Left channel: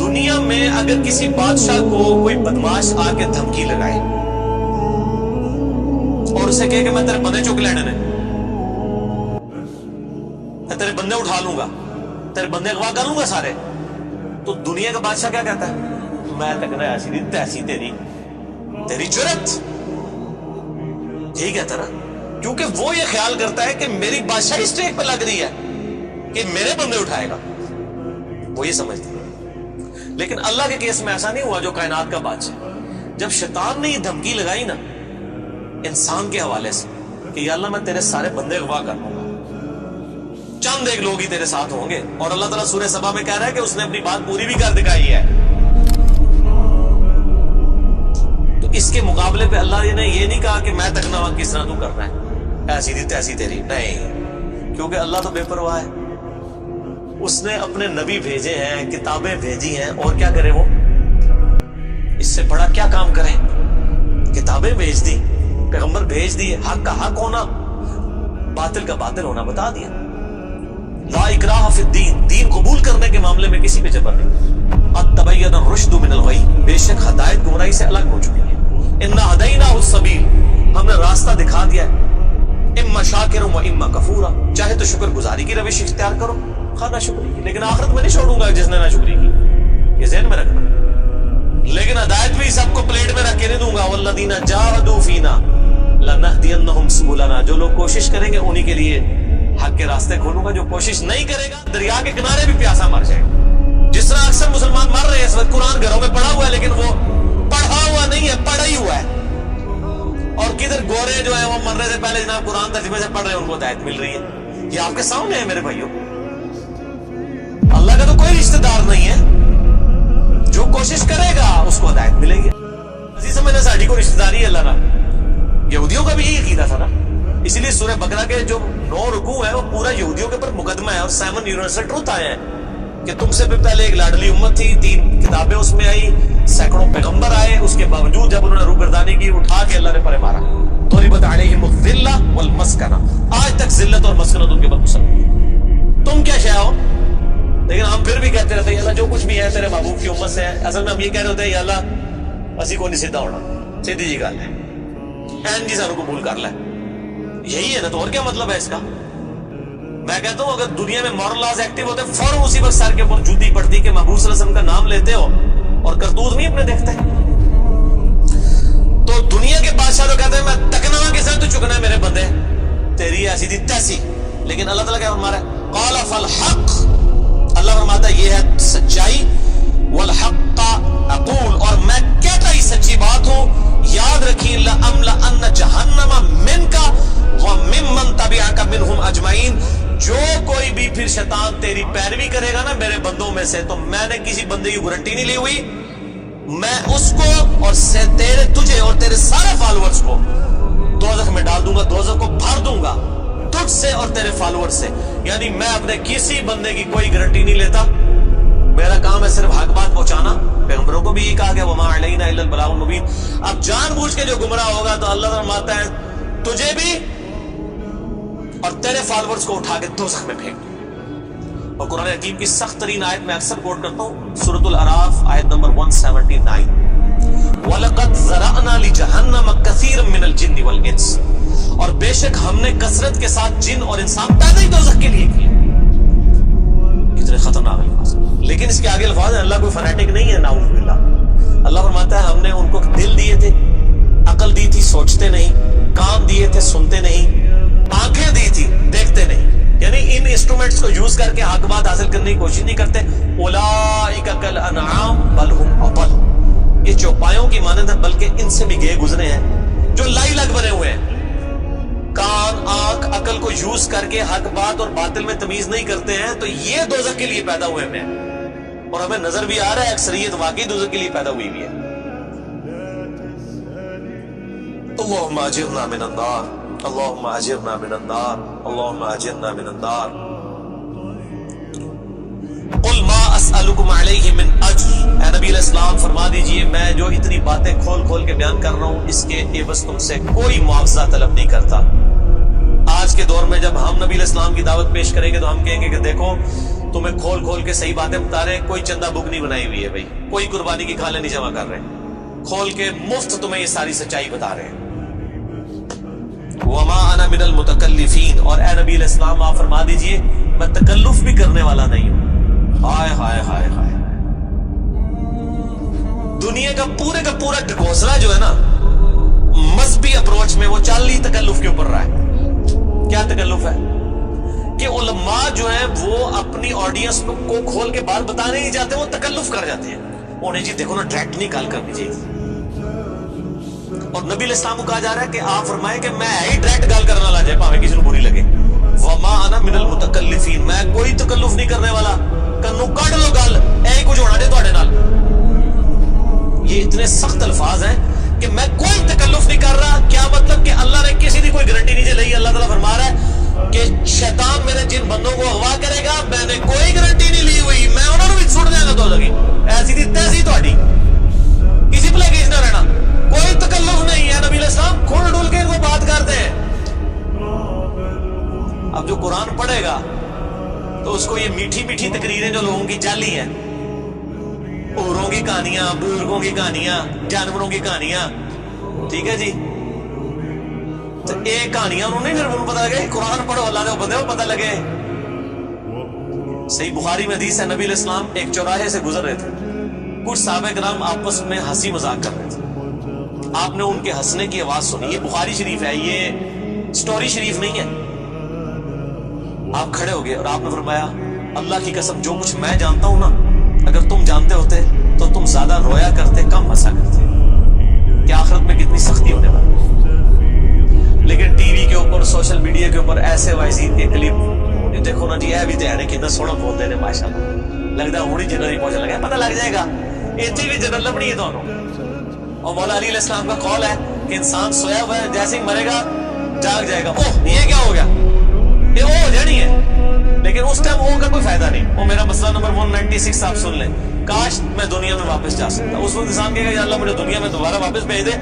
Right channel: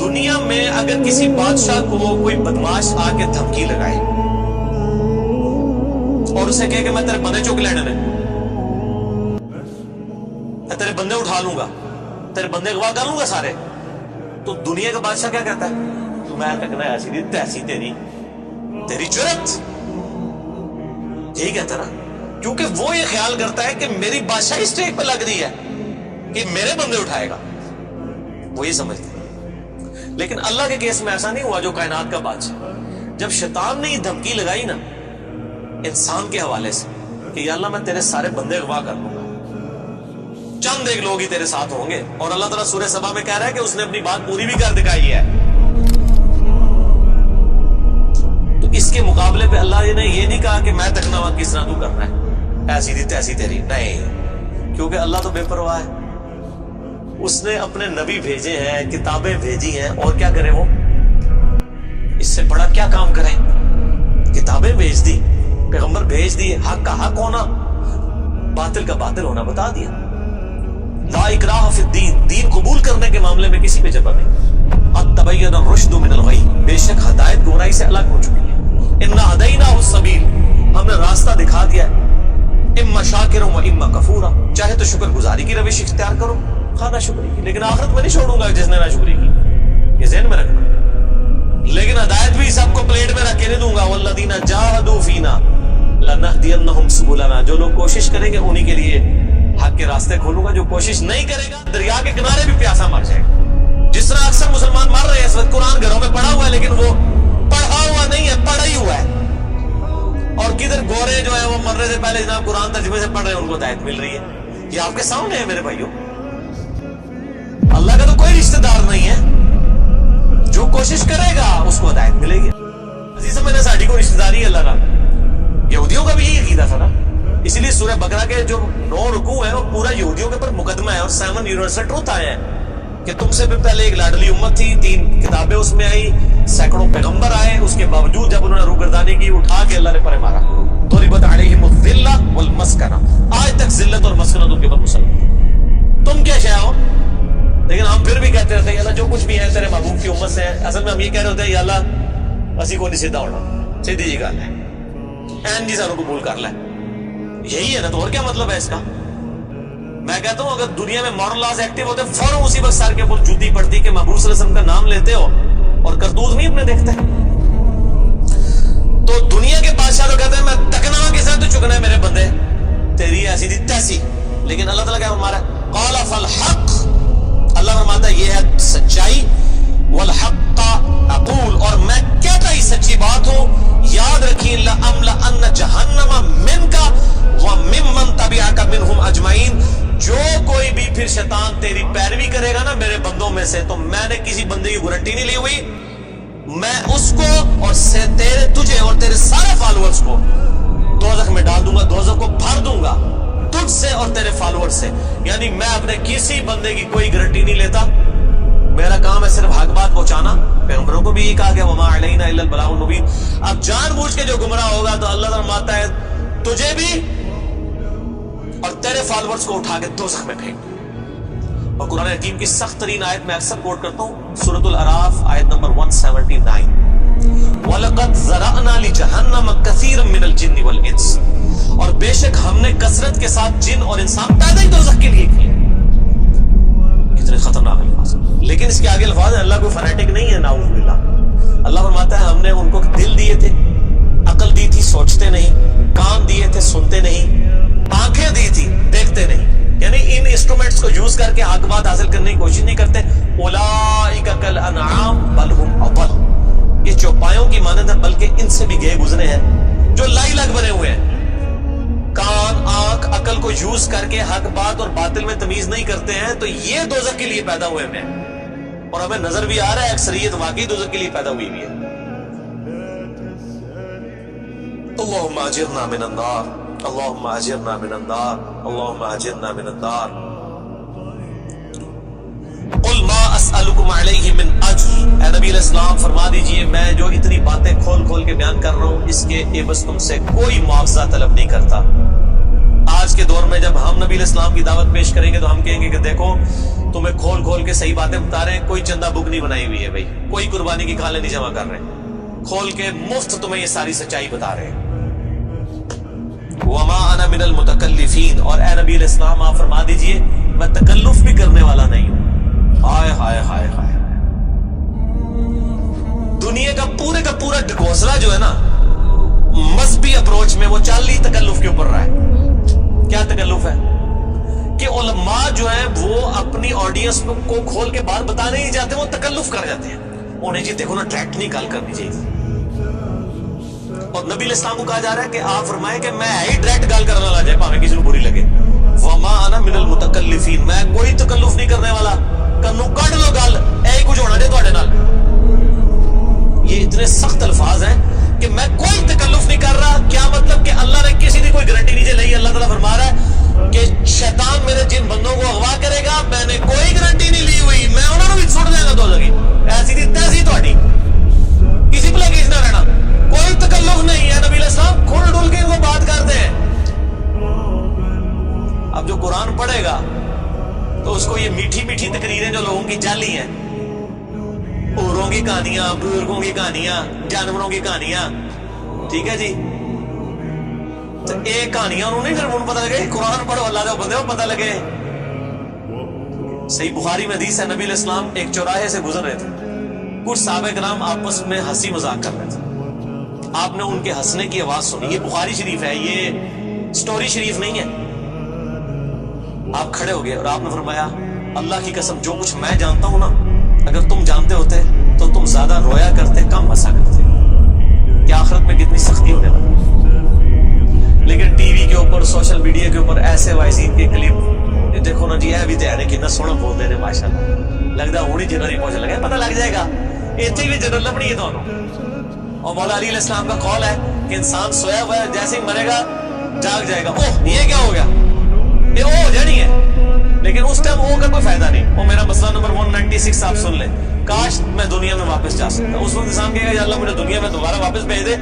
دنیا میں اگر کسی بادشاہ کو کوئی بدماش آ کے دھمکی لگائے اور اسے کہے کہ میں تیرے بندے چک لینے نے، میں تیرے بندے اٹھا لوں گا، تیرے بندے اغوا کر لوں گا سارے، تو دنیا کا بادشاہ کیا کہتا ہے؟ میں تکنا ایسی نہیں تیسی تیری جرت، یہی کہتا نا، کیونکہ وہ یہ خیال کرتا ہے کہ میری بادشاہی اسٹیک پہ لگ رہی ہے کہ میرے بندے اٹھائے گا، وہ یہ سمجھتا ہے۔ لیکن اللہ کے کیس میں ایسا نہیں ہوا جو کائنات کا بادشاہ، جب شیطان نے یہ دھمکی لگائی نا انسان کے حوالے سے کہ یا اللہ میں تیرے سارے بندے اغوا کر لوں گا، چند ایک لوگ ہی تیرے ساتھ ہوں گے، اور اللہ تعالیٰ سورہ سبا میں کہہ رہا ہے کہ اس نے اپنی بات پوری بھی کر دکھائی ہے، تو اس کے مقابلے پہ اللہ نے یہ نہیں کہا کہ میں تکنا کس طرح تو کرنا ہے ایسی تھی تیسی تیری، نہیں، کیونکہ اللہ تو بے پرواہ ہے، اس نے اپنے نبی بھیجے ہیں، کتابیں بھیجی ہیں، اور کیا کرے وہ؟ اس سے بڑا کیا کام کرے؟ کتابیں بھیج دی، پیغمبر بھیج دیے، حق کا حق ہونا، باطل کا باطل ہونا بتا دیا۔ لا اکراہ فی الدین، دین قبول کرنے کے معاملے میں کسی پہ جبر نہیں۔ قد تبین الرشد من الغی، بے شک ہدایت گمراہی سے الگ ہو چکی ہے۔ انا ہدیناہ السبیل، ہم نے راستہ دکھا دیا ہے، اما شاکر و اما کفورا، چاہے تو شکر گزاری کی روش اختیار کرو، خواہ نہ شکری کی، لیکن آخرت میں نہیں چھوڑوں گا جس نے نہ شکری کی، یہ ذہن میں رکھنا۔ لیکن ہدایت بھی سب کو پلیٹ میں رکھ کے نہیں دوں گا، والذین جاہدوا فینا لنہدینہم سبلنا، جو لوگ کوشش کریں گے انہی کے لیے حق کے راستے کھولوں گا، جو کوشش نہیں کرے گا دریا کے کنارے بھی پیاسا مر جائے گا۔ جس طرح اکثر مسلمان مر رہے ہیں اس وقت، قرآن گھروں میں پڑھا ہوا ہے لیکن وہ پڑھا ہوا نہیں ہے، پڑھا ہی ہوا ہے، اور کدھر گورے جو ہیں وہ مرنے سے پہلے جناب قرآن ترجمے سے پڑھ رہے ہیں، ان کو ہدایت مل رہی ہے۔ یہ آپ کے سامنے ہے میرے بھائیوں، اللہ کا تو کوئی رشتہ دار نہیں ہے، جو کوشش کرے گا اس کو ہدایت ملے گی۔ عزیز سمجھنا ساڑھی کو رشتہ داری ہے اللہ کا، یہودیوں کا بھی یہی عقیدہ تھا نا، اس لیے سورہ بقرہ کے جو 9 رکوع ہیں وہ پورا یہودیوں کے اوپر مقدمہ ہے، اور 7 یونیورسل ٹروتھ آئے ہیں کہ تم سے بھی پہلے ایک لاڈلی امت تھی، 3 کتابیں اس میں آئی، سینکڑوں پیغمبر آئے، اس کے باوجود جب انہوں نے روگردانی کی اٹھا کے اللہ نے پرے مارا، ضربت علیہم الذلہ والمسکنہ، آج تک ذلت اور مسکنت ان کے اوپر مسلط، تم کیا شے ہو؟ لیکن ہم پھر بھی کہتے رہتے ہیں یا اللہ جو کچھ بھی ہے تیرے محبوب کی امت سے ہے، اصل میں ہم یہ کہہ رہے ہوتے ہیں یا اللہ اسی کو نہیں سیدھا ہونا، سیدھی جی گل ہے، این جی سانو قبول کر لے، یہی ہے نا، تو اور کیا مطلب ہے اس کا؟ میں کہتا ہوں اگر دنیا میں مورل لاز ایکٹیو ہوتے فوراً اسی وقت سر کے اوپر جوتی پڑتی کہ محبوب صلی اللہ علیہ وسلم کا نام لیتے ہو اور کرتوت نہیں اپنے دیکھتے۔ تو دنیا کے بادشاہ تو کہتے ہیں میں تکنا کے ساتھ تو چکنا ہے میرے بندے، تیری ایسی تھی تیسی، لیکن اللہ تعالیٰ کیا فرما رہا ہے؟ قال فالحق، اللہ فرماتا ہے یہ ہے سچائی، والحق اقول، اور میں کہتا ہی سچی بات ہوں، یاد رکھیں لأملأن جہنم منک وممن تبعک منہم اجمعین، جو کوئی بھی پھر شیطان تیری پیروی کرے گا نا میرے بندوں میں سے، تو میں نے کسی بندے کی گارنٹی نہیں لی ہوئی، میں اس کو اور تجھے اور تیرے سارے فالوورز کو دوزخ میں ڈال دوں گا، دوزخ کو بھر دوں گا تجھ سے اور تیرے فالوور سے، یعنی میں اپنے کسی بندے کی کوئی گارنٹی نہیں لیتا، میرا کام ہے صرف حق بات پہنچانا، پیغمبروں کو بھی یہ کہا گیا وما علینا الا البلاغ المبین۔ اب جان بوجھ کے جو گمراہ ہوگا تو اللہ فرماتا ہے تجھے بھی اور تیرے فالوورز کو اٹھا کے دوزخ میں پھینک دوں۔ اور قرآن حکیم کی سخت ترین آیت میں اکثر کوٹ کرتا ہوں، سورۃ الاعراف آیت نمبر 179، وَلَقَدْ ذَرَأْنَا لِجَهَنَّمَ كَثِيرًا مِنَ الْجِنِّ وَالْإِنسِ، اور بے شک ہم نے کثرت کے ساتھ جن اور انسان پیدا ہی دوزخ کے لیے کیے۔ کتنے خطرناک الفاظ، لیکن اس کے آگے الفاظ ہیں، اللہ کوئی فنیٹک نہیں ہے، نعوذ باللہ۔ اللہ فرماتا ہے ہم نے ان کو دل دیے تھے، عقل دی تھی سوچتے نہیں، کان دیے تھے سنتے نہیں، آنکھیں دی تھی دیکھتے نہیں، یعنی ان انسٹرومنٹس کو یوز کر کے حق بات حاصل کرنے کی کوشش نہیں کرتے۔ اولئک کالانعام بل ہم اضل، یہ چوپایوں کی مانند ہے بلکہ ان سے بھی گئے گزرے ہیں، جو لائی لگ بنے ہوئے ہیں، کان آنکھ عقل کو یوز کر کے حق بات اور باطل میں تمیز نہیں کرتے ہیں، تو یہ دوزخ کے لیے پیدا ہوئے ہیں، اور ہمیں نظر بھی آ رہا ہے اکثریت واقعی دوزخ کے لیے پیدا ہوئی بھی ہے۔ اللہم اجرنا من النار، اللہم اجرنا من النار، اللہم اجرنا من النار۔ قل ما اسألکم علیہ من اجر، اے نبی علیہ السلام فرما دیجئے میں جو اتنی باتیں کھول کھول کے بیان کر رہا ہوں اس کے عوض تم سے کوئی معاوضہ طلب نہیں کرتا. آج کے دور میں جب ہم نبی علیہ السلام کی دعوت پیش کریں گے تو ہم کہیں گے کہ دیکھو تمہیں کھول کھول کے صحیح باتیں بتا رہے ہیں, کوئی چندہ بک نہیں بنائی ہوئی ہے بھائی, کوئی قربانی کی کھالیں نہیں جمع کر رہے ہیں, کھول کے مفت تمہیں یہ ساری سچائی بتا رہے ہیں. وما انا من المتکلفین, اور اے نبی علیہ السلام آپ فرما دیجئے میں تکلف بھی کرنے والا نہیں ہوں. ہائے ہائے ہائے ہائے, دنیا کا پورا ڈھکوسلا جو ہے نا مذہبی اپروچ میں وہ چال ہی تکلف کے اوپر رہا ہے. کیا تکلف ہے کہ علماء جو ہیں وہ اپنی آڈینس کو کھول کے بات بتانے نہیں جاتے, وہ تکلف کر جاتے ہیں. انہیں جی دیکھو نا ڈائریکٹ نہیں گال کرنی چاہیے, اور نبی علیہ السلام کو کہا جا رہا ہے کہ آپ فرمائے کہ میں ہی ڈائریکٹ گال کرنا لا جائے پاویں کسی کو بری لگے. وما انا من المتکلفین, میں کوئی تکلف نہیں کرنے والا, کنو کڈ لو گل اے کچھ ہونا جے تواڈے نال. یہ اتنے سخت الفاظ ہیں کہ میں کوئی تکلف نہیں کر رہا. کیا مطلب کہ اللہ نے کسی کی کوئی گارنٹی نہیں لئی. اللہ تعالیٰ فرما رہا ہے کہ شیطان میرے جن بندوں کو اغوا کرے گا میں نے کوئی گارنٹی نہیں لی ہوئی, میں انہوں نے بھی چھوڑ دیا گا. تو ایسی تھی تیسی تہاڈی, کسی پلے کس نہ رہنا, کوئی تکلف نہیں ہے. نبی علیہ السلام کھل ڈول کے ان کو بات کرتے ہیں. اب جو قرآن پڑھے گا تو اس کو یہ میٹھی میٹھی تقریریں جو لوگوں کی جعلی ہیں, اوروں کی کہانیاں, بزرگوں کی کہانیاں, جانوروں کی کہانیاں, ٹھیک ہے جی, تو ایک کہانیاں انہوں نے پھر انہوں پتہ لگے قرآن پڑھو اللہ دے بندے کو پتہ لگے. صحیح بخاری میں حدیث ہے, نبی علیہ السلام ایک چوراہے سے گزر رہے تھے, کچھ صحابہ کرام آپس میں ہنسی مذاق کر رہے تھے. آپ نے ان کے ہنسنے کی آواز سنی. یہ بخاری شریف ہے, یہ سٹوری شریف نہیں ہے. آپ کھڑے ہو گئے اور آپ نے فرمایا اللہ کی قسم جو کچھ میں جانتا ہوں نا اگر تم جانتے ہوتے تو تم زیادہ رویا کرتے, کم ہنسا کرتے. کہ آخرت میں کتنی سختی ہونے والی. لیکن ٹی وی کے اوپر, سوشل میڈیا کے اوپر ایسے وائزین کے کلپ دیکھو نا جی, اے بھی تے کتنا سونا بولتے ہیں ماشاءاللہ, لگتا ہوں ہی جنرل ہی پہنچنے لگا, پتہ لگ جائے گا اتنی بھی جنرل لبنی ہے دونوں. اور مولا علی علیہ السلام کا قول ہے کہ انسان سویا ہوا ہے جیسے ہی مرے گا جاگ جائے گا. اوہ یہ کیا ہو گیا, یہ او ہو جانی ہے, لیکن اس ٹائم او کا کوئی فائدہ نہیں. وہ میرا مسئلہ نمبر 196 آپ سن لیں, کاش میں دنیا میں واپس جا سکتا. اس وقت انسان کہے گا یا اللہ مجھے دنیا میں دوبارہ واپس بھیج دے,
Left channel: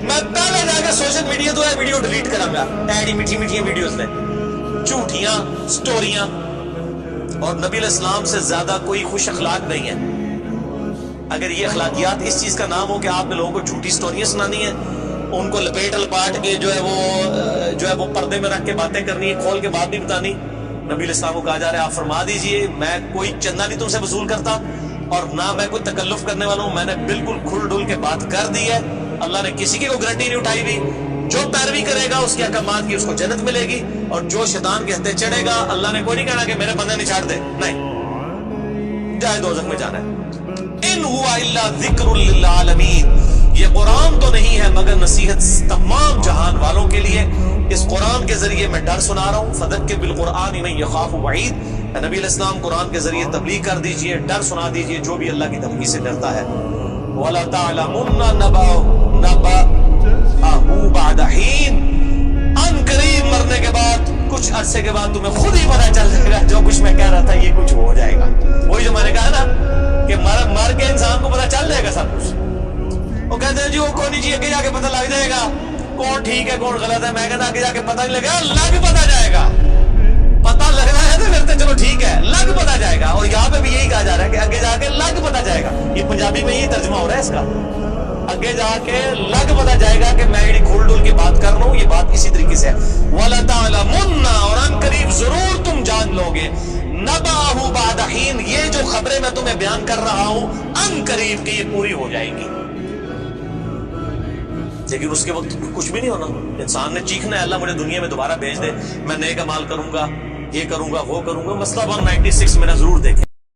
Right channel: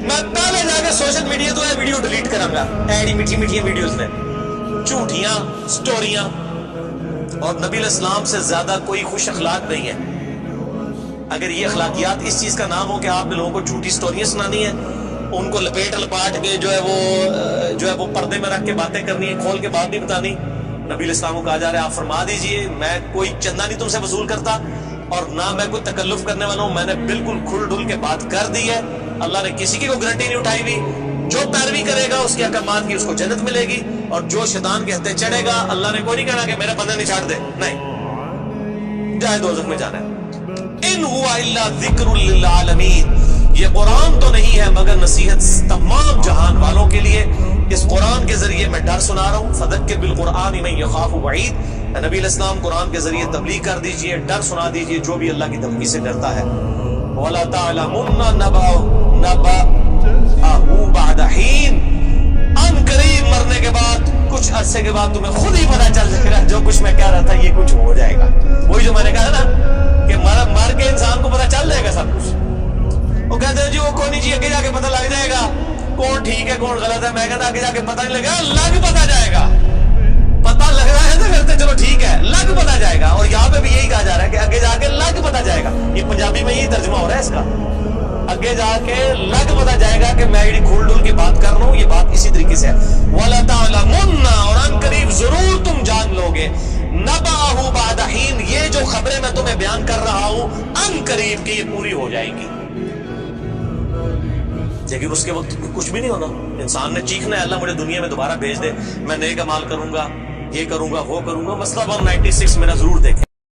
میں پہلے جا کے سوشل میڈیا تو ہے ویڈیو ڈیلیٹ کروں گا. ایڈی میٹھی میٹھی ویڈیوز نے, جھوٹیاں سٹوریاں. اور نبی علیہ السلام سے زیادہ کوئی خوش اخلاق نہیں ہے. اگر یہ اخلاقیات اس چیز کا نام ہو کہ آپ نے لوگوں کو جھوٹی سٹوریاں سنانی ہیں, ان کو لپیٹ لپاٹ کے جو ہے وہ پردے میں رکھ کے باتیں کرنی ہے, کھول کے بات نہیں بتانی. نبی علیہ السلام کو کہا جا رہا ہے آپ فرما دیجئے میں کوئی چندہ نہیں تم سے وصول کرتا, اور نہ میں کوئی تکلف کرنے والا ہوں. میں نے بالکل کھل ڈل کے بات کر دی ہے. اللہ نے کسی کی کوئی گارنٹی نہیں اٹھائی ہوئی. جو پیروی کرے گا اس کے احکامات کی اس کو جنت ملے گی, اور جو شیطان کے ہتھے چڑھے گا اللہ نے کوئی نہیں کہنا کہ میرے بندے نہیں چھاڑ دے, نہیں, جائے دوزخ میں جانا ہے. ان ہوا الا ذکر للعالمین, یہ قرآن تو نہیں ہے مگر نصیحت تمام جہان والوں کے لیے. اس قرآن کے ذریعے میں ڈر سنا رہا ہوں. فذکر بالقرآن من یخاف وعید, نبی علیہ السلام قرآن کے ذریعے تبلیغ کر دیجئے, ڈر سنا دیجئے جو بھی اللہ کی دھمکی سے ڈرتا ہے. وَلَا تَعْلَمُنَّ نَبَأَهُ بَعْدَ حِينٍ, ان قریب مرنے کے بعد کچھ عرصے کے بعد تمہیں خود ہی پتہ چل جائے گا جو کچھ میں کہہ رہا تھا یہ کچھ ہو جائے گا. وہی جو میں نے کہا نا کہ مر کے انسان کو پتہ چل جائے گا سب کچھ. وہ کہتے ہیں جی وہ کوئی نہیں جی آگے جا کے پتہ لگ جائے گا کون ٹھیک ہے کون غلط ہے. میں کہتا آگے جا کے پتہ نہیں لگے گا, لگ پتہ جائے گا. پتہ لگ رہا ہے تو پھر تو چلو ٹھیک ہے, لگ پتہ جائے گا. اور یہاں پہ بھی یہی کہا جا رہا ہے کہ آگے جا کے لگ پتہ جائے گا. یہ پنجابی میں یہی ترجمہ ہو رہا ہے اس کا, آگے جا کے لگ پتہ جائے گا کہ میں یہ کھول ڈول کی بات کر رہا ہوں. یہ بات اسی طریقے سے ہے. وَلَا تَعْلَمُنَّ, اور ان قریب ضرور تم جان لو گے, نَبَأَهُ بَعْدَ حِينٍ, یہ جو خبریں میں تمہیں بیان کر رہا ہوں ان قریب کی یہ پوری ہو جائیں گی. لیکن اس کے وقت کچھ بھی نہیں ہونا. انسان نے چیخنا ہے اللہ مجھے دنیا میں دوبارہ بھیج دے, میں نیک اعمال کروں گا, یہ کروں گا, وہ کروں گا. مسئلہ 196 میرا ضرور دیکھیں.